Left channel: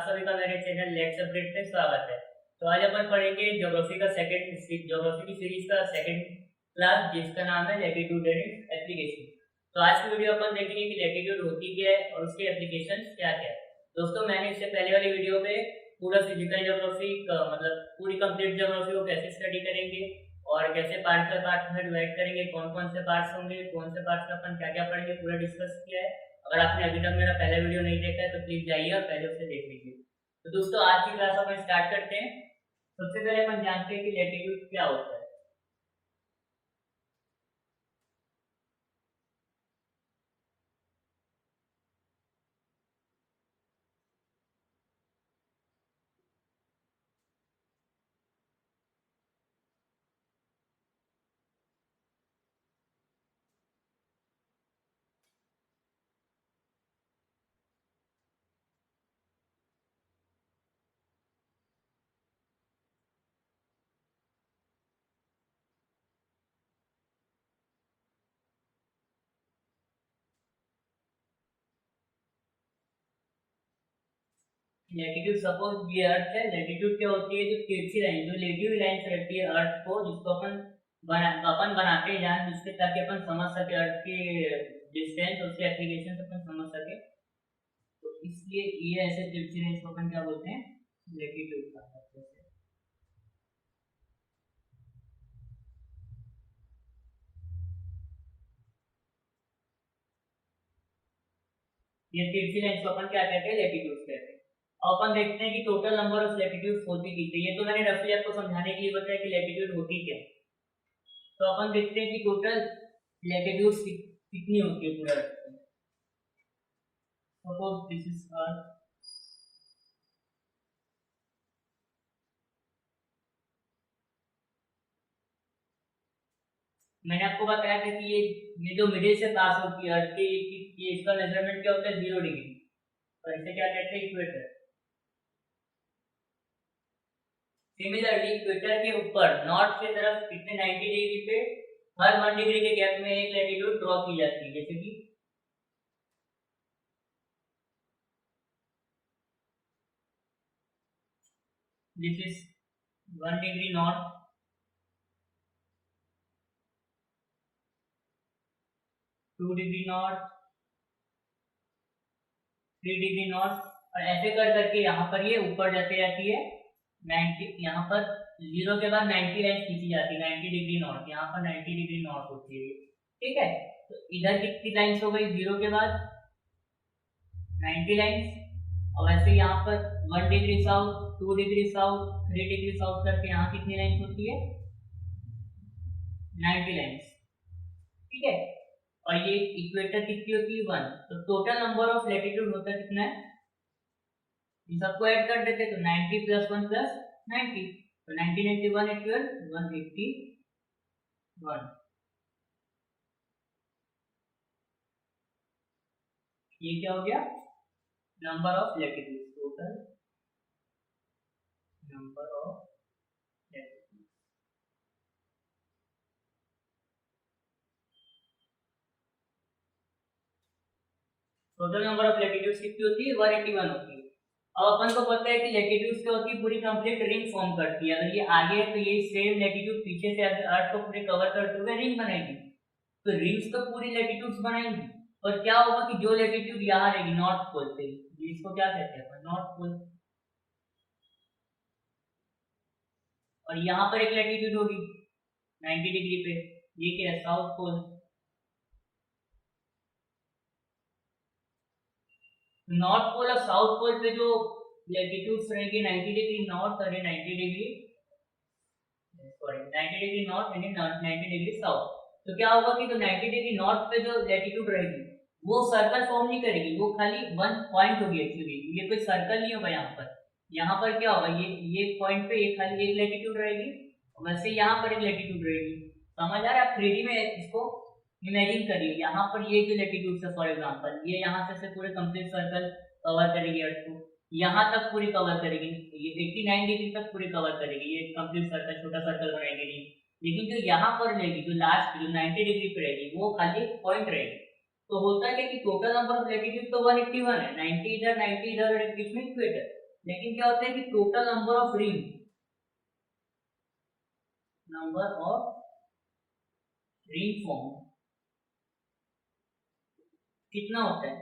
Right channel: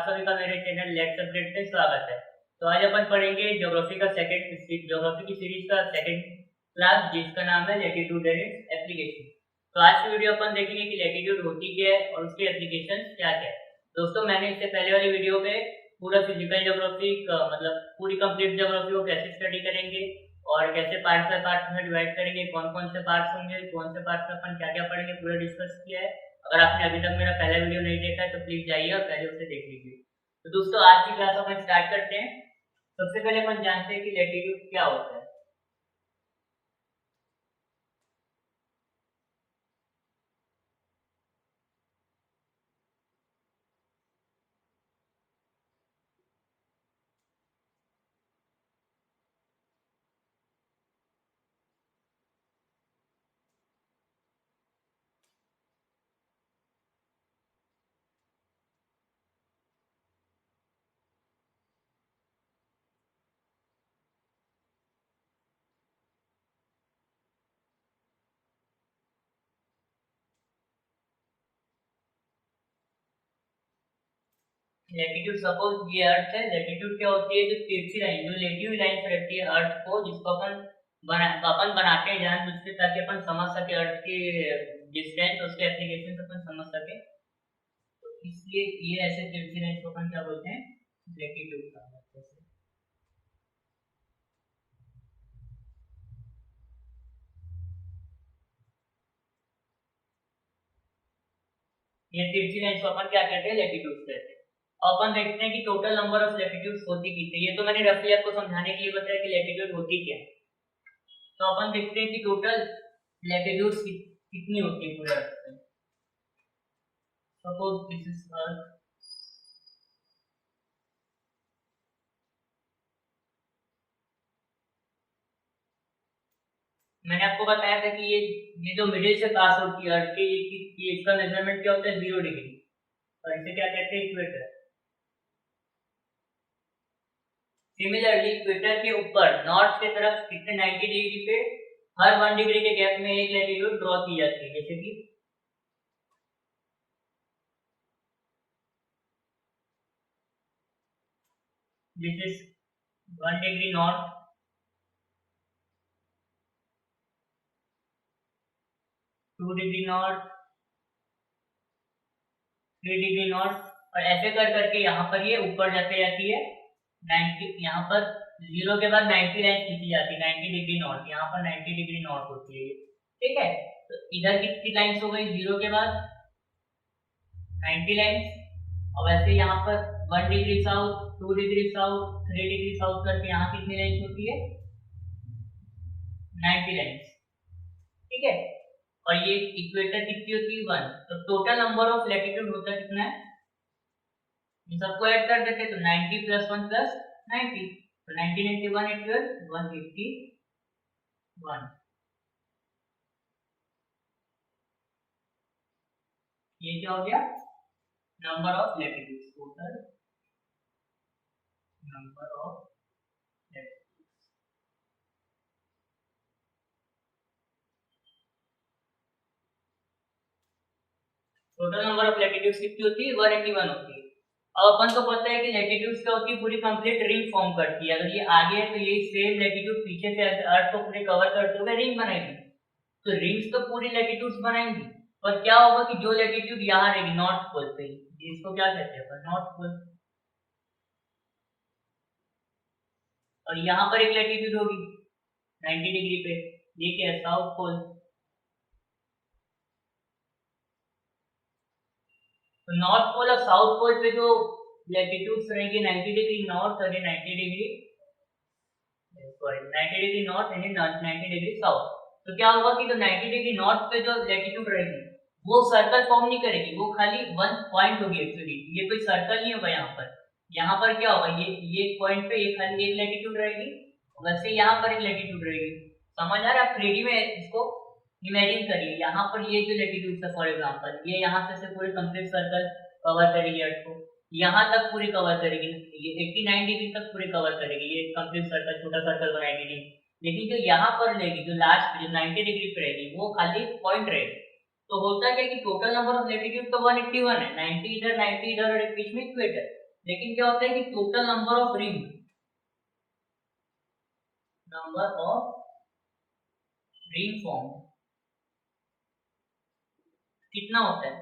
आप सभी का मेरे चैनल लेट्स अपडेट में स्वागत है। तो आज अपन पढ़ेंगे ज्योग्राफी का ज्योग्राफी की सीरीज का सेकंड क्लास जिसका नाम है लैटिट्यूड एंड इट्स एप्लीकेशन। तो आज की वीडियो अपन देखेंगे कि लैटिट्यूड होती क्या है और उसके एप्लीकेशन क्या क्या है। दोस्तों मैंने इससे पहले वाली वीडियो में पूरा फिजिकल ज्योग्राफी मतलब पूरी कंप्लीट ज्योग्राफी को कैसे स्टडी करेंगे और कैसे पार्ट बाय पार्ट में डिवाइड करेंगे, कौन कौन से पार्ट्स होंगे, कौन से पार्ट्स में अपन क्या क्या पढ़ेंगे, पूरा डिस्कस किया है। अगर आपने अभी तक मेरा पहला वीडियो नहीं देखा है तो प्लीज जाइए और पहले उसे देख लीजिए। तो दोस्तों आज की क्लास अपन स्टार्ट करते हैं। सबसे पहले अपन जानते हैं कि लैटिट्यूड क्या होता है। लैटिट्यूड सपोज ये अर्थ है, लैटिट्यूड क्या होती है? जो तिरछी लाइन, जो लेटिव लाइन रहती है अर्थ को, जिसको अपन बनाते हैं जानबूझ के ताकि अपन समझ सके अर्थ की डिस्टेंस, उसके एप्लीकेशन अपन समझ सके। तो इसलिए ये ऐसे तिरछी लाइन को अपन क्या बोलते हैं? लैटिट्यूड का मतलब है। ये तिरछी लाइन को अपन क्या कहते हैं? लैटिट्यूड कहते हैं। अपन देखते हैं कि टोटल नंबर ऑफ लैटिट्यूड्स होती कितनी। ये तो मैंने रफली आपको समझाने के लिए बताया कि लैटिट्यूड होती क्या है। तो अपन देखते हैं कि टोटल लैटिट्यूड्स कितनी होती है पूरे अर्थ में। सपोज दिस इज अर्थ, मैंने आपको बताया था कि ये जो मिडिल से पास होती है अर्थ के, ये इसका मेजरमेंट क्या होता है? 0 डिग्री। और इसे क्या कहते हैं? इक्वेटर। सिमिलरली इक्वेटर के ऊपर नॉर्थ की तरफ कितने 90 डिग्री पे हर 1 डिग्री के गैप में एक लैटिट्यूड ड्रॉ की जाती है। जैसे कि this is 1 degree north, 2 degree north, 3 degree north. और ऐसे कर करके यहाँ पर ये ऊपर जाते जाती है 90। यहाँ पर जीरो के बाद 90 लाइन खींची जाती है, 90 डिग्री नॉर्थ। यहाँ पर 90 डिग्री नॉर्थ होती है ये, ठीक है। तो इधर कितनी लाइन्स हो गई? जीरो के बाद 90 लाइन्स। और वैसे यहाँ पर 1 degree south, 2 degree south, 3 degree south करके यहाँ कितनी लाइन्स होती है? 90 लाइन्स, ठीक है। और ये इक्वेटर कितनी होती है? 1। तो टोटल नंबर ऑफ लैटिट्यूड होता है कितना है? इन सबको ऐड कर देते तो 90 प्लस 1 प्लस 90। तो 90 90 181 181। ये क्या हो गया? Number of latitudes, total number of latitudes. Total number of latitudes कितनी होती है? 181 होती है। अब अपन को पता है कि लैटिट्यूड्स क्या होती है? पूरी कंप्लीट रिंग फॉर्म करती है। अगर ये आगे है तो ये सेम लैटिट्यूड पीछे से अर्थ को पूरे कवर करते हुए रिंग बनाएगी। तो रिंग्स तो पूरी लैटिट्यूड्स बनाएंगी। और क्या होगा कि जो लैटिट्यूड यहाँ रहेगी नॉर्थ पोल पे, इसको क्या कहते हैं अपन? North pole. और यहाँ पर एक लैटिट्यूड होगी 90 डिग्री पे, ये क्या है? South pole. तो नॉर्थ पोल और साउथ पोल पे जो लैटिट्यूड्स रहेंगे 90 डिग्री नॉर्थ और 90 degree sorry 90 degree north and 90 degree south. तो क्या होगा कि जो 90 डिग्री नॉर्थ पे जो लैटिट्यूड रहेगी वो सर्कल फॉर्म नहीं करेगी, वो खाली वन पॉइंट होगी। एक्चुअली ये कोई सर्कल नहीं होगा यहाँ पर। यहाँ पर क्या होगा? ये पॉइंट पे ये खाली एक लैटिट्यूड रहेगी, वैसे यहाँ पर एक लैटिट्यूड रहेगी। समझ आ रहा है? आप 3D में इसको इमेजिन करिए। यहाँ पर ये जो लैटिट्यूड है फॉर एग्जांपल, ये यहाँ से पूरे कंप्लीट सर्कल कवर करेगी अर्थ को, यहाँ तक पूरी कवर करेगी। ये 89 डिग्री तक पूरी कवर करेगी, ये कंप्लीट सर्कल, छोटा सर्कल बनाएगी नहीं। लेकिन जो यहाँ पर लेगी, जो लास्ट जो 90 डिग्री पे रहेगी, वो खाली पॉइंट रहेगी। तो होता क्या कि टोटल नंबर ऑफ लैटिट्यूड तो 181 है, 90 इधर 90 इधर और एक बीच में इक्वेटर। लेकिन क्या होता है कि total number of ring form कितना होता है?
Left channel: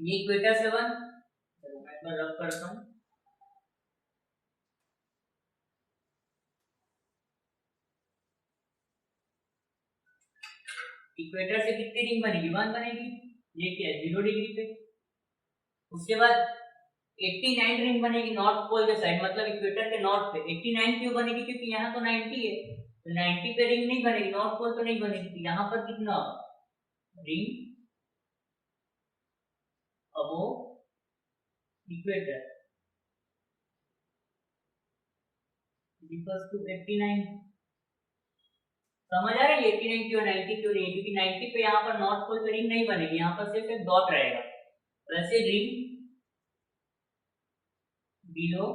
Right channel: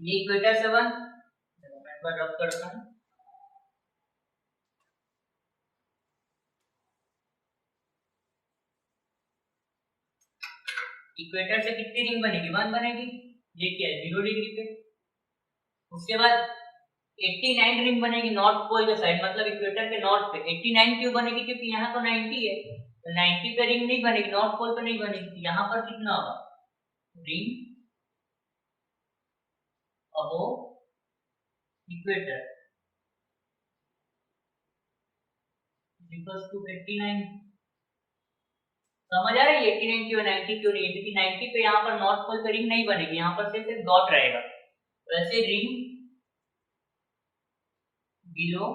ये इक्वेटर से वन, चलो मैं एक बार रब करता हूँ। इक्वेटर से कितनी रिंग बनेगी? वन बनेगी। ये क्या है? 0 डिग्री पे। उसके बाद 89 रिंग बनेगी नॉर्थ पोल के साइड, मतलब इक्वेटर के नॉर्थ पे। 89 क्यों बनेगी? क्योंकि यहाँ तो 90 है, तो 90 पे रिंग नहीं बनेगी, नॉर्थ पोल पे नहीं बनेगी। यहाँ पर कितना होगा? Ring above equator equals to 89। समझ आ रही है? 89 क्यों 90 क्यों नहीं? क्योंकि 90 पे यहाँ पर नॉर्थ पोल पे रिंग नहीं बनेगी, यहाँ पर सिर्फ एक डॉट रहेगा। वैसे रिंग बिलो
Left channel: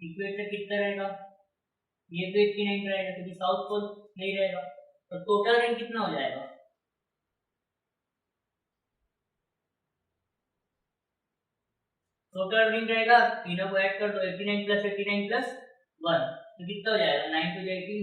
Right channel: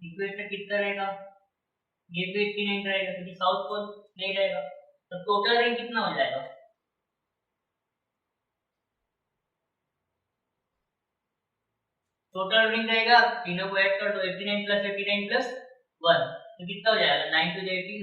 इक्वेटर कितना रहेगा? ये भी 89 रहेगा, क्योंकि साउथ पोल नहीं रहेगा। तो टोटल रिंग कितना हो जाएगा? टोटल रिंग रहेगा, तीनों को ऐड कर दो, 89 प्लस 89 प्लस 1, तो कितना हो जाएगा? 9 टू 18,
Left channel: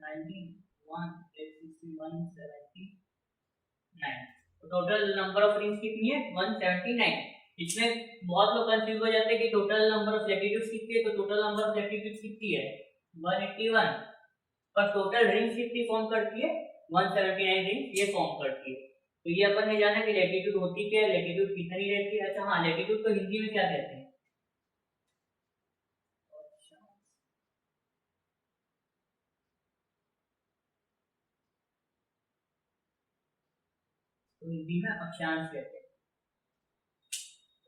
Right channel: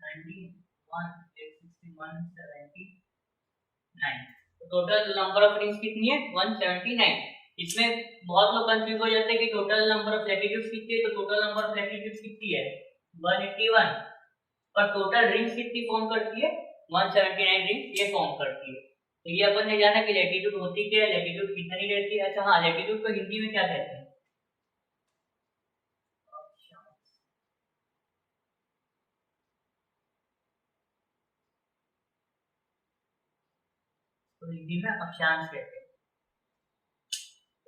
19, 1, 61, 79। तो टोटल नंबर ऑफ रिंग्स कितनी है? 179। इसमें बहुत लोग कंफ्यूज हो जाते हैं कि टोटल नंबर ऑफ लैटिट्यूड्स कितनी है, तो टोटल नंबर ऑफ लैटिट्यूड्स कितनी है? 181। पर टोटल रिंग्स कितनी फॉर्म करती है? 179 रिंग्स ये फॉर्म करती है। तो ये अपन ने जाना कि लैटिट्यूड होती क्या है, लैटिट्यूड कितनी रहती है। अच्छा हाँ, लैटिट्यूड को हिंदी में क्या कहते हैं? तो हिंदी में अक्षांश कहते हैं।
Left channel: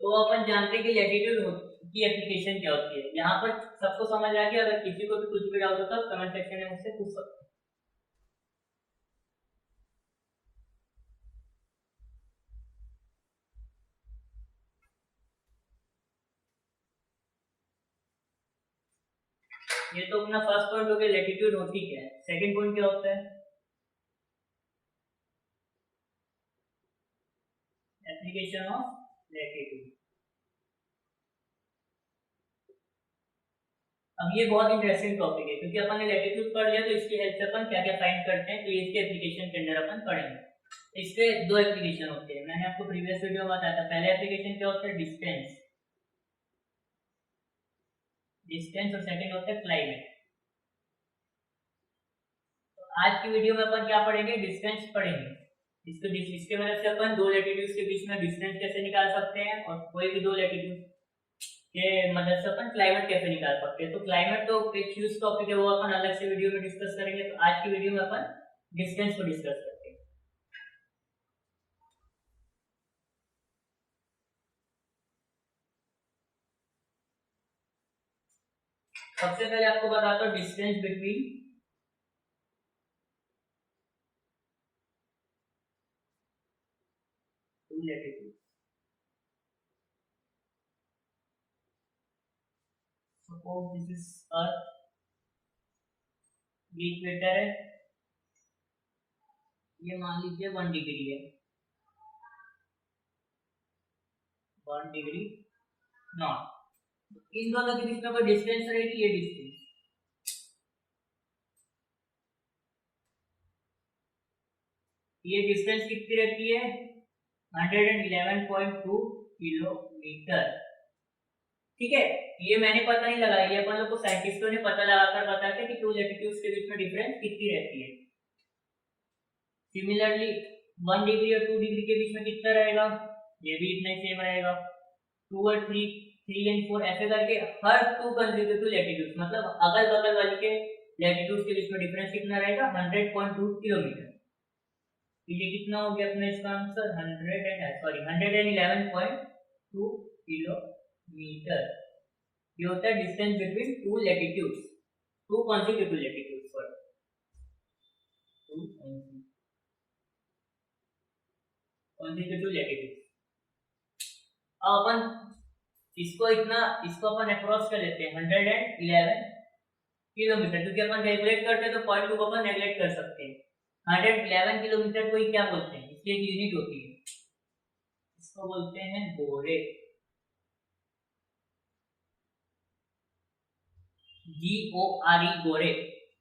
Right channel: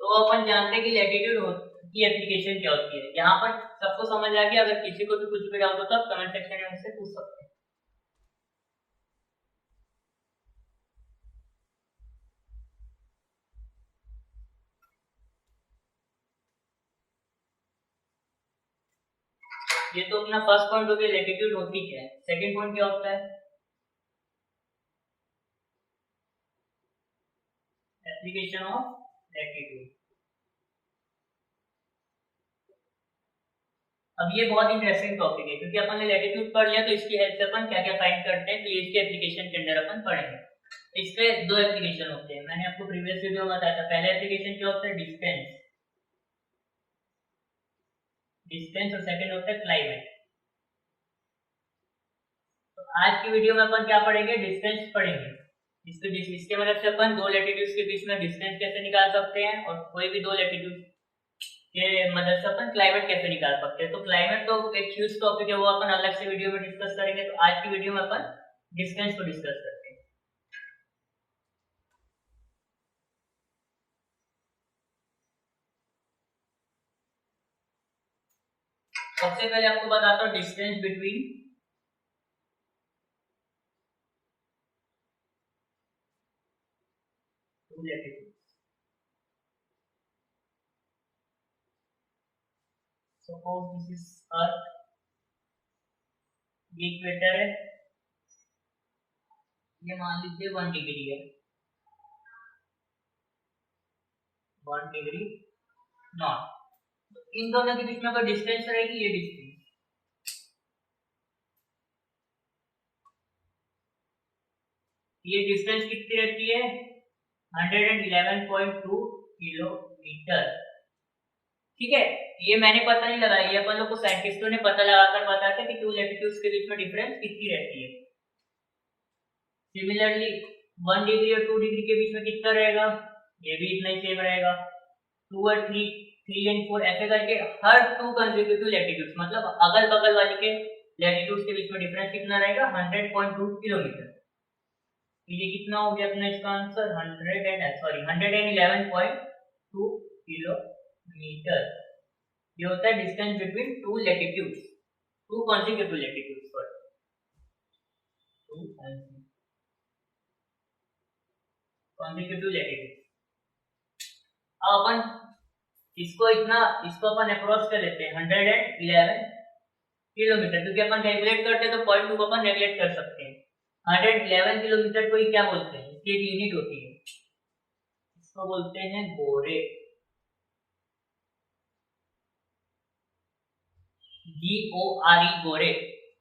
तो अपन जानते हैं कि लैटिट्यूड की एप्लीकेशन क्या होती है। यहाँ पर सबको समझ आ गया? अगर किसी को भी कुछ भी डाउट होता है कमेंट सेक्शन में मुझसे पूछ सकते हैं। ये तो अपना फर्स्ट पॉइंट हो गया, लैटिट्यूड होती क्या है। सेकंड पॉइंट क्या होता है? Application of latitude. अब ये बहुत इंटरेस्टिंग टॉपिक है, क्योंकि अपन ने लैटिट्यूड पढ़ लिया, तो इसकी हेल्प से अपन क्या क्या फाइंड करते हैं, तो ये इसके एप्लीकेशन के अंदर अपन पढ़ेंगे। इसके दो एप्लीकेशन होते हैं, मैंने आपको प्रीवियस वीडियो में बताया था। पहले एप्लीकेशन क्या होता है? डिस्टेंस, डिस्टेंस, और सेकंड होता है क्लाइमेट। तो आज की वीडियो में अपन क्या पढ़ेंगे? डिस्टेंस पढ़ेंगे। इसके मदद से अपन दो लैटिट्यूड्स के बीच में डिस्टेंस कैसे निकाल सकते हैं, और कोई भी दो लैटिट्यूड के मदद से अपन क्लाइमेट कैसे निकाल सकते हैं। तो क्लाइमेट तो एक ह्यूज टॉपिक है, वो अपन अलग से वीडियो में डिस्कस करेंगे। तो आज की वीडियो में अपन डिस्टेंस को डिस्कस करते हैं। सबसे पहले आपको बताता हूँ distance between two latitudes. Suppose this is earth, ये इक्वेटर है, ये मान लीजिए 1 डिग्री है, 1 डिग्री नॉर्थ। तो इन दोनों के बीच में कोई डिस्टेंस रहेगी, ये डिस्टेंस। ये डिस्टेंस कितनी रहती है? 111.2 किलोमीटर। ठीक है, ये मैंने पता नहीं लगाया, ये अपन लोग को साइंटिस्टों ने पता लगाकर बताया था कि टू लैटिट्यूड्स के बीच में डिफरेंस कितनी रहती है। सिमिलरली 1 डिग्री और 2 डिग्री के बीच में कितना रहेगा? ये भी इतना ही सेम रहेगा। 2 और 3, 3 एंड 4, ऐसे करके हर टू कंसेक्यूटिव लैटिट्यूड्स, मतलब अगल बगल वाले के लैटिट्यूड्स के बीच में डिफरेंस कितना रहेगा? 100.2 किलोमीटर। तो ये कितना हो गया अपना इसका आंसर? 111.2 किलोमीटर। ये होता है distance between two latitudes, two consecutive latitudes, sorry, two consecutive latitudes. अब अपन इसको अपन अप्रोच कर लेते हैं 111 किलोमीटर, क्योंकि अपन कैलकुलेट करते हैं तो पॉइंट टू को अपन नेगलेक्ट कर सकते हैं। 111 किलोमीटर को ही क्या बोलते हैं? इसकी एक यूनिट होती है, इसको बोलते हैं बोरे। GORE गोरे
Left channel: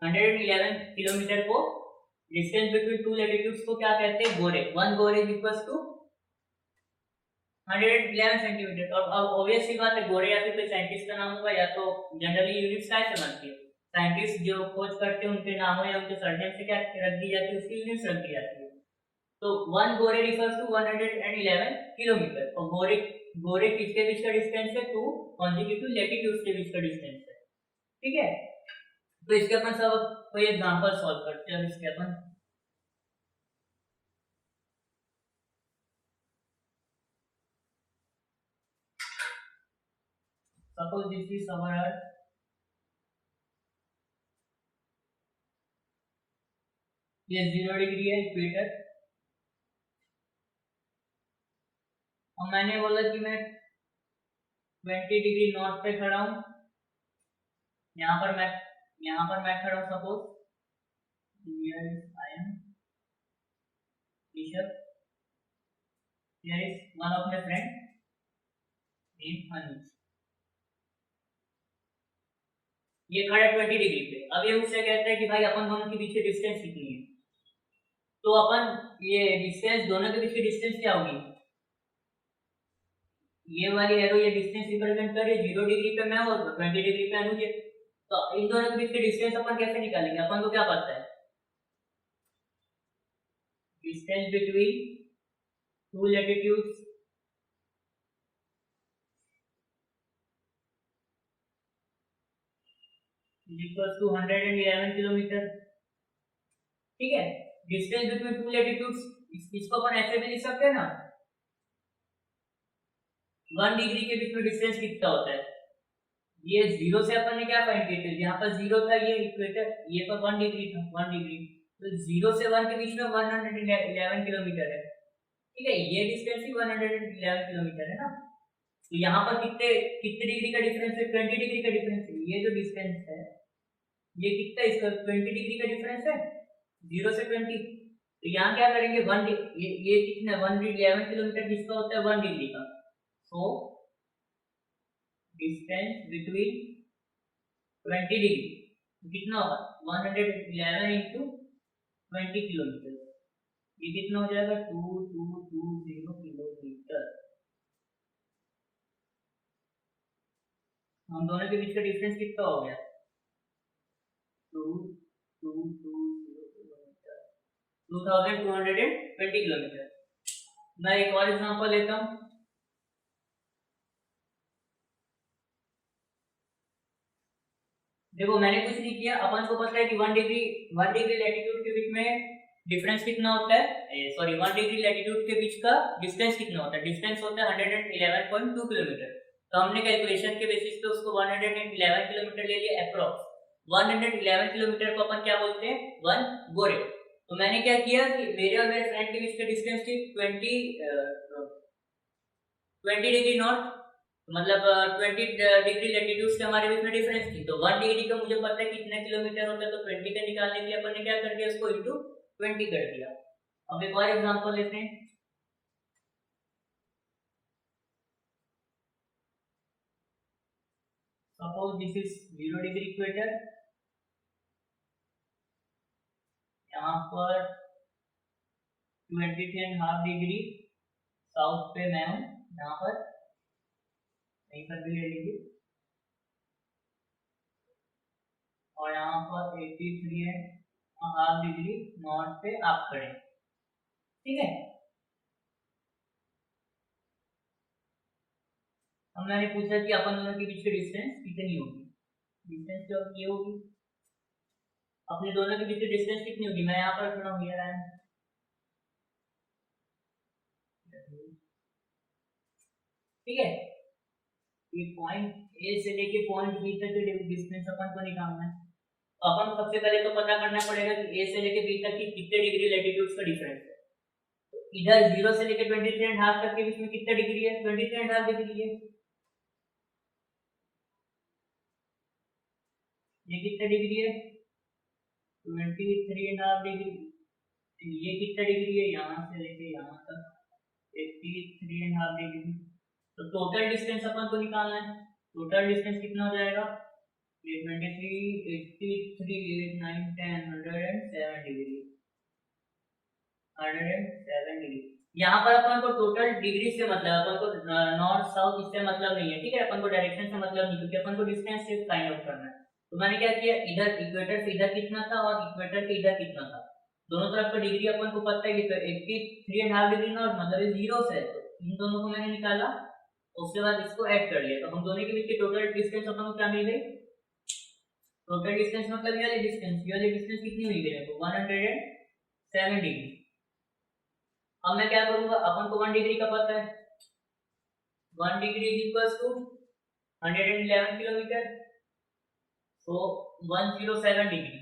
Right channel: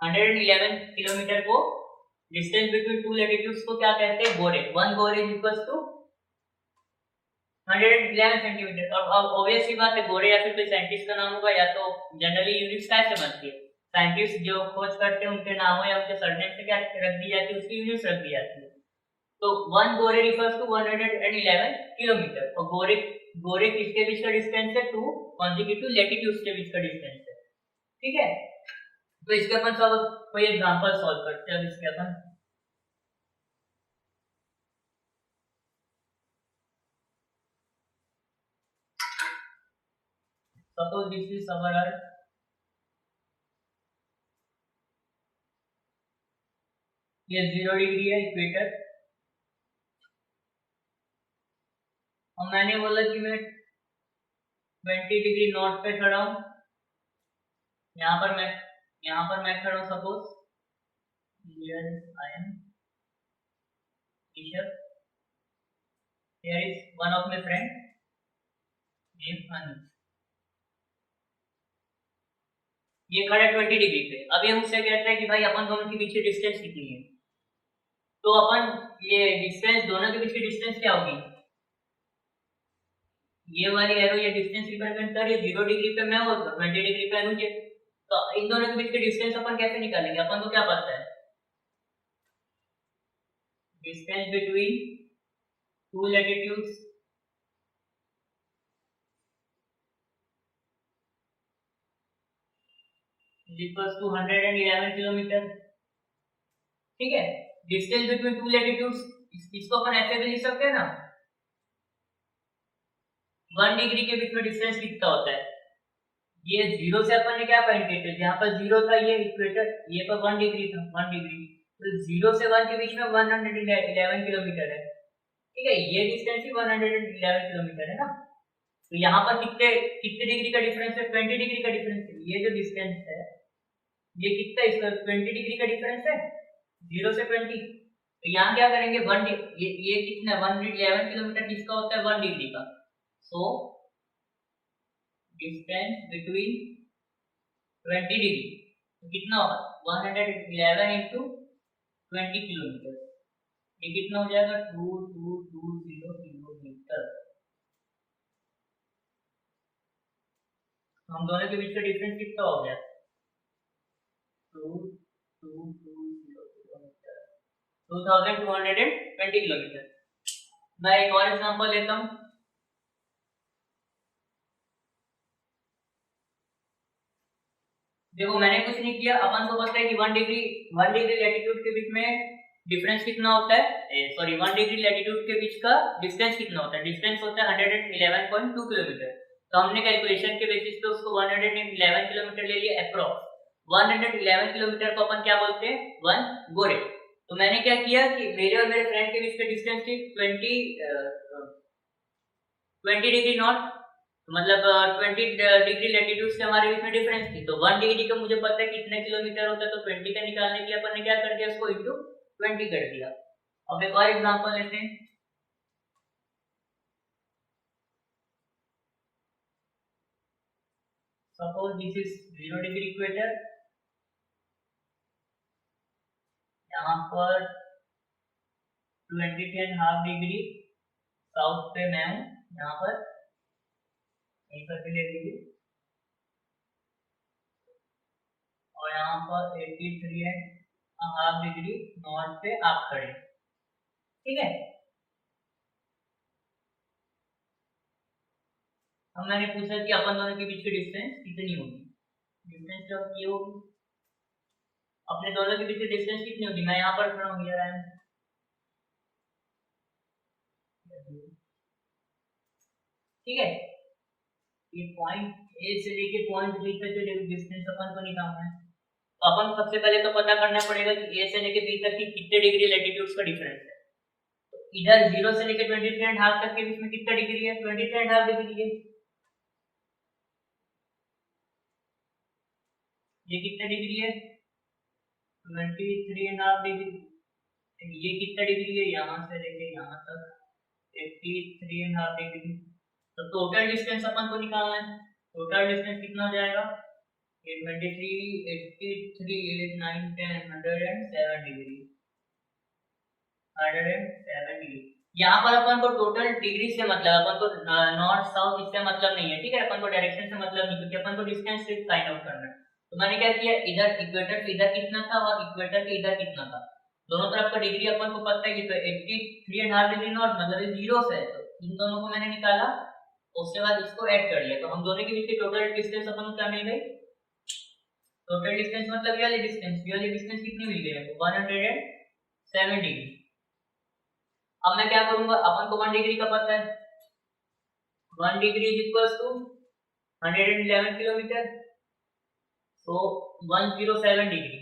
111 किलोमीटर को डिस्टेंस बिटवीन टू लैटिट्यूड्स को क्या कहते हैं? गोरे। 1 गोरे इज इक्वल्स टू 111 सेंटीमीटर। और अब ऑब्वियस सी बात है, गोरे या फिर कोई साइंटिस्ट का नाम होगा, या तो जनरली यूनिट्स कैसे बनती है, साइंटिस्ट जो खोज करते हैं उनके नामों या उनके सरनेम से क्या रख दी जाती है, उसकी यूनिट्स रख दी जाती है। तो 1 गोरे रिफर्स टू 111 किलोमीटर। और गोरे गोरे किसके बीच का डिस्टेंस है? टू कॉन्जिक्यूटिव लैटिट्यूड्स के बीच का डिस्टेंस है। ठीक है, तो इसके अपन सब कोई एग्जांपल सॉल्व करते हैं। अब इसके अपन सपोज दिस इज समर अर्थ, ये 0 डिग्री है इक्वेटर, और मैंने बोला कि मैं 20 डिग्री नॉर्थ पे खड़ा हूं। यहाँ पर मैं खड़ा हूं, suppose here is I am Rishabh, here is one of my friend name Anil. ये खड़ा 20 डिग्री पे। अब ये मुझसे कहता है कि भाई अपन दोनों के बीच की डिस्टेंस कितनी है। तो अपन ये डिस्टेंस, दोनों के बीच की डिस्टेंस क्या होगी? ये वाली एरो ये डिस्टेंस रिप्रेजेंट कर रही है, 0 डिग्री पे मैं और 20 डिग्री पे अनुज है। तो इन दोनों के बीच की डिस्टेंस अपन कैसे निकालेंगे? अपन को क्या पता है? Distance between two latitudes is equals to 111 kilometre. ठीक है, डिस्टेंस बिटवीन टू लैटिट्यूड्स इसको अपन ऐसे भी लिख सकते हैं ना, 1 डिग्री के बीच में डिस्टेंस कितना होता है? ये 0 से अपन ने क्या फाइंड किया था? जहां पर 0 था ये इक्वेटर, ये पर 1 डिग्री था, 1 डिग्री। तो 0 से 1 के बीच में 111 किलोमीटर है। ठीक है, ये डिस्टेंस ही 111 किलोमीटर है ना। तो यहाँ पर कितने कितने डिग्री का डिफरेंस है? 20 डिग्री का डिफरेंस है। ये जो डिस्टेंस है ये कितना, इसका 20 डिग्री का डिफरेंस है, 0 से 20। तो यहाँ क्या करेंगे, ये कितना 111 किलोमीटर किसका होता है? 1 डिग्री का। सो डिस्टेंस बिटवीन 20 डिग्री तो कितना होगा? 111 इंटू 20 किलोमीटर। ये कितना हो जाएगा? 2220 किलोमीटर। हम दोनों के बीच का डिफरेंस कितना हो गया? 2220 किलोमीटर, 2220 किलोमीटर। मैं एक और एग्जांपल लेता हूं। देखो मैंने कुछ नहीं किया, अपन को पता है कि 1 डिग्री लैटिट्यूड के बीच में डिफरेंस कितना होता है, सॉरी 1 डिग्री लैटिट्यूड के बीच का डिस्टेंस कितना होता है? डिस्टेंस होता है 111.2 किलोमीटर। तो हमने कैलकुलेशन के बेसिस पे उसको 111 किलोमीटर ले लिया अप्रोक्स। 111 किलोमीटर को अपन क्या बोलते हैं? 1 गोरे। तो मैंने क्या किया कि मेरे और मेरे फ्रेंड के बीच का डिस्टेंस थी 20 डिग्री नॉर्थ, मतलब 20 डिग्री लैटिट्यूड से हमारे बीच में डिफरेंस थी। तो 1 डिग्री का मुझे पता है कितने किलोमीटर होता है, तो 20 का निकालने के लिए अपन ने क्या कर दिया, उसको इंटू 20 कर दिया। अब एक और एग्जांपल लेते हैं। Suppose this is 0 degree equator, यहाँ पर 23.5 डिग्री साउथ पे मैं हूँ, यहाँ पर कहीं पर भी ले लीजिए, और यहाँ पर 83.5 डिग्री नॉर्थ पे आप खड़े। ठीक है, अब मैंने पूछा कि अपन दोनों के बीच की डिस्टेंस कितनी होगी। डिस्टेंस जो ये होगी, अपने दोनों के बीच की डिस्टेंस कितनी होगी? मैं यहाँ पर खड़ा हूँ, हियर आई एम। ठीक है, ये पॉइंट ए से लेके पॉइंट बी तक जो डिस्टेंस अपन को निकालना है, तो अपन सबसे पहले तो पता करना पड़ेगा कि ए से लेके बी तक की कितने डिग्री लैटिट्यूड्स का डिफरेंस है। तो इधर 0 से लेके 23.5 तक के बीच में कितना डिग्री है? 23.5 डिग्री है। ये कितना डिग्री है? 23.5 डिग्री। ये कितना डिग्री है? यहाँ से लेके यहाँ तक 83.5 डिग्री। तो टोटल डिस्टेंस अपन को निकालना है। टोटल डिस्टेंस कितना हो जाएगा? ये 23, 83, 8, 9, 10, 107 डिग्री, 107 डिग्री। यहाँ पर अपन को टोटल डिग्री से मतलब, अपन को नॉर्थ साउथ इससे मतलब नहीं है, ठीक है। अपन को डायरेक्शन से मतलब नहीं, क्योंकि अपन को डिस्टेंस से फाइंड आउट करना है। तो मैंने क्या किया, इधर इक्वेटर से इधर कितना था और इक्वेटर के इधर कितना था, दोनों तरफ का डिग्री अपन को पता है कि तो 83.5 डिग्री नॉर्थ मतलब जीरो से है, तो इन दोनों को मैंने निकाला, उसके बाद इसको ऐड कर लिया, तो हम दोनों के बीच की टोटल डिस्टेंस अपन को क्या मिल गई, टोटल डिस्टेंस मतलब ये वाली डिस्टेंस कितनी मिल गई, तो 107 डिग्री। अब मैं क्या करूंगा, अपन को 1 डिग्री का पता है, 1 degree is equals to 111 kilometre, so 107 degree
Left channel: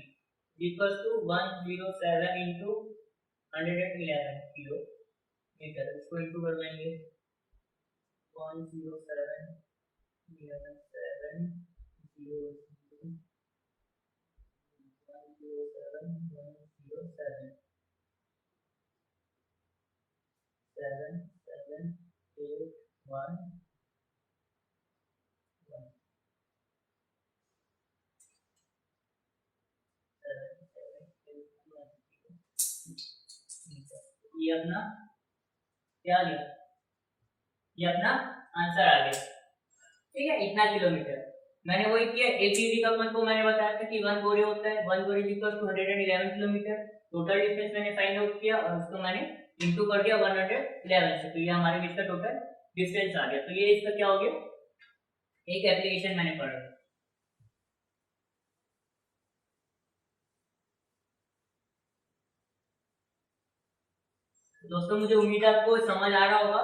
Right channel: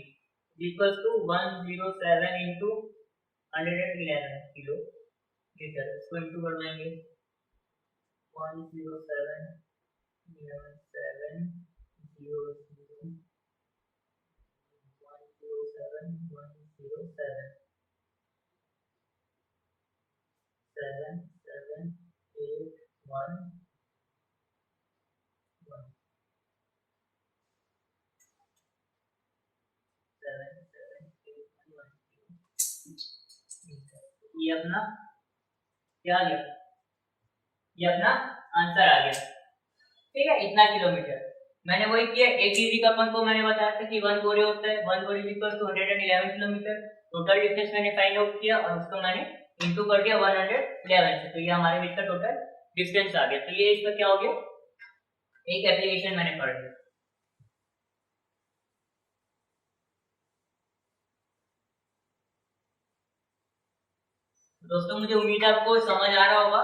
equals to 107 into 111 kilometre, इसको इंटू कर देंगे, 107 11 7 0 107 107 7 7 8 1 1 7 7 8 1 ये अपना क्या आ गया, ये अपना आंसर आ गया, ठीक है। इतना किलोमीटर मैंने वही किया। एक डिग्री का अपन को मैंने बताया था कि 1 बोरे होता है, 1 बोरे equal to 111 kilometre. Total distance मैंने फाइंड आउट किया और उसको मैंने इनटू कर दिया 111 से, तो ये हमारे बीच का टोटल डिस्टेंस आ गया। तो ये इसका क्या हो गया, एक एप्लीकेशन मैंने पढ़ लिया। दोस्तों मुझे उम्मीद है आपको समझ आ रहा होगा,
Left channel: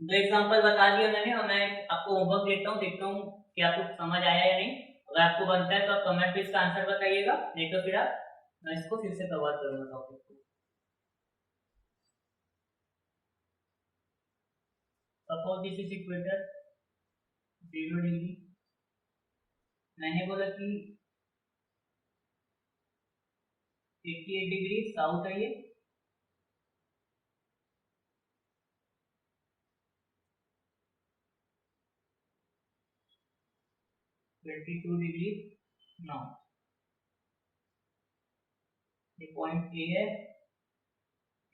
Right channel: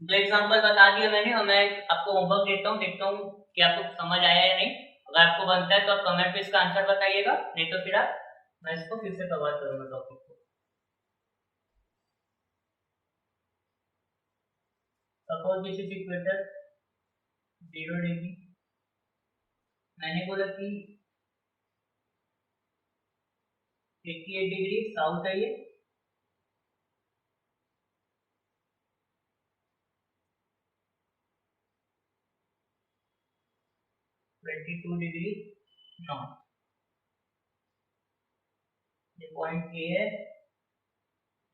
दो एग्जांपल बता दिए मैंने, और मैं आपको होमवर्क देता हूँ, देखता हूँ कि आपको समझ आया या नहीं। अगर आपको बनता है तो आप कमेंट पे इसका आंसर बताइएगा, नहीं तो फिर आप मैं इसको फिर से कवर करूंगा टॉपिक को। Suppose this is equator 0 degree, मैंने बोला कि 88 डिग्री साउथ है ये, ट्वेंटी 22 डिग्री नॉर्थ, ये पॉइंट ए है,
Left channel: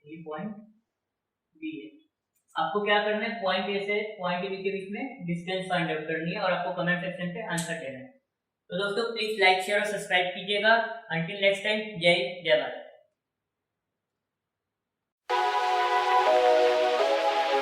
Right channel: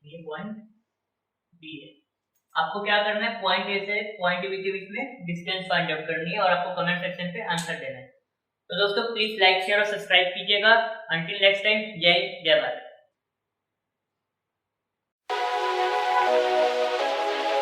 ये पॉइंट बी है। आपको क्या करना है, पॉइंट ए से पॉइंट बी के बीच में डिस्टेंस फाइंड आउट करनी है और आपको कमेंट सेक्शन पे आंसर देना है। तो दोस्तों प्लीज लाइक शेयर और सब्सक्राइब कीजिएगा। अंटिल नेक्स्ट टाइम, जय जय भारत।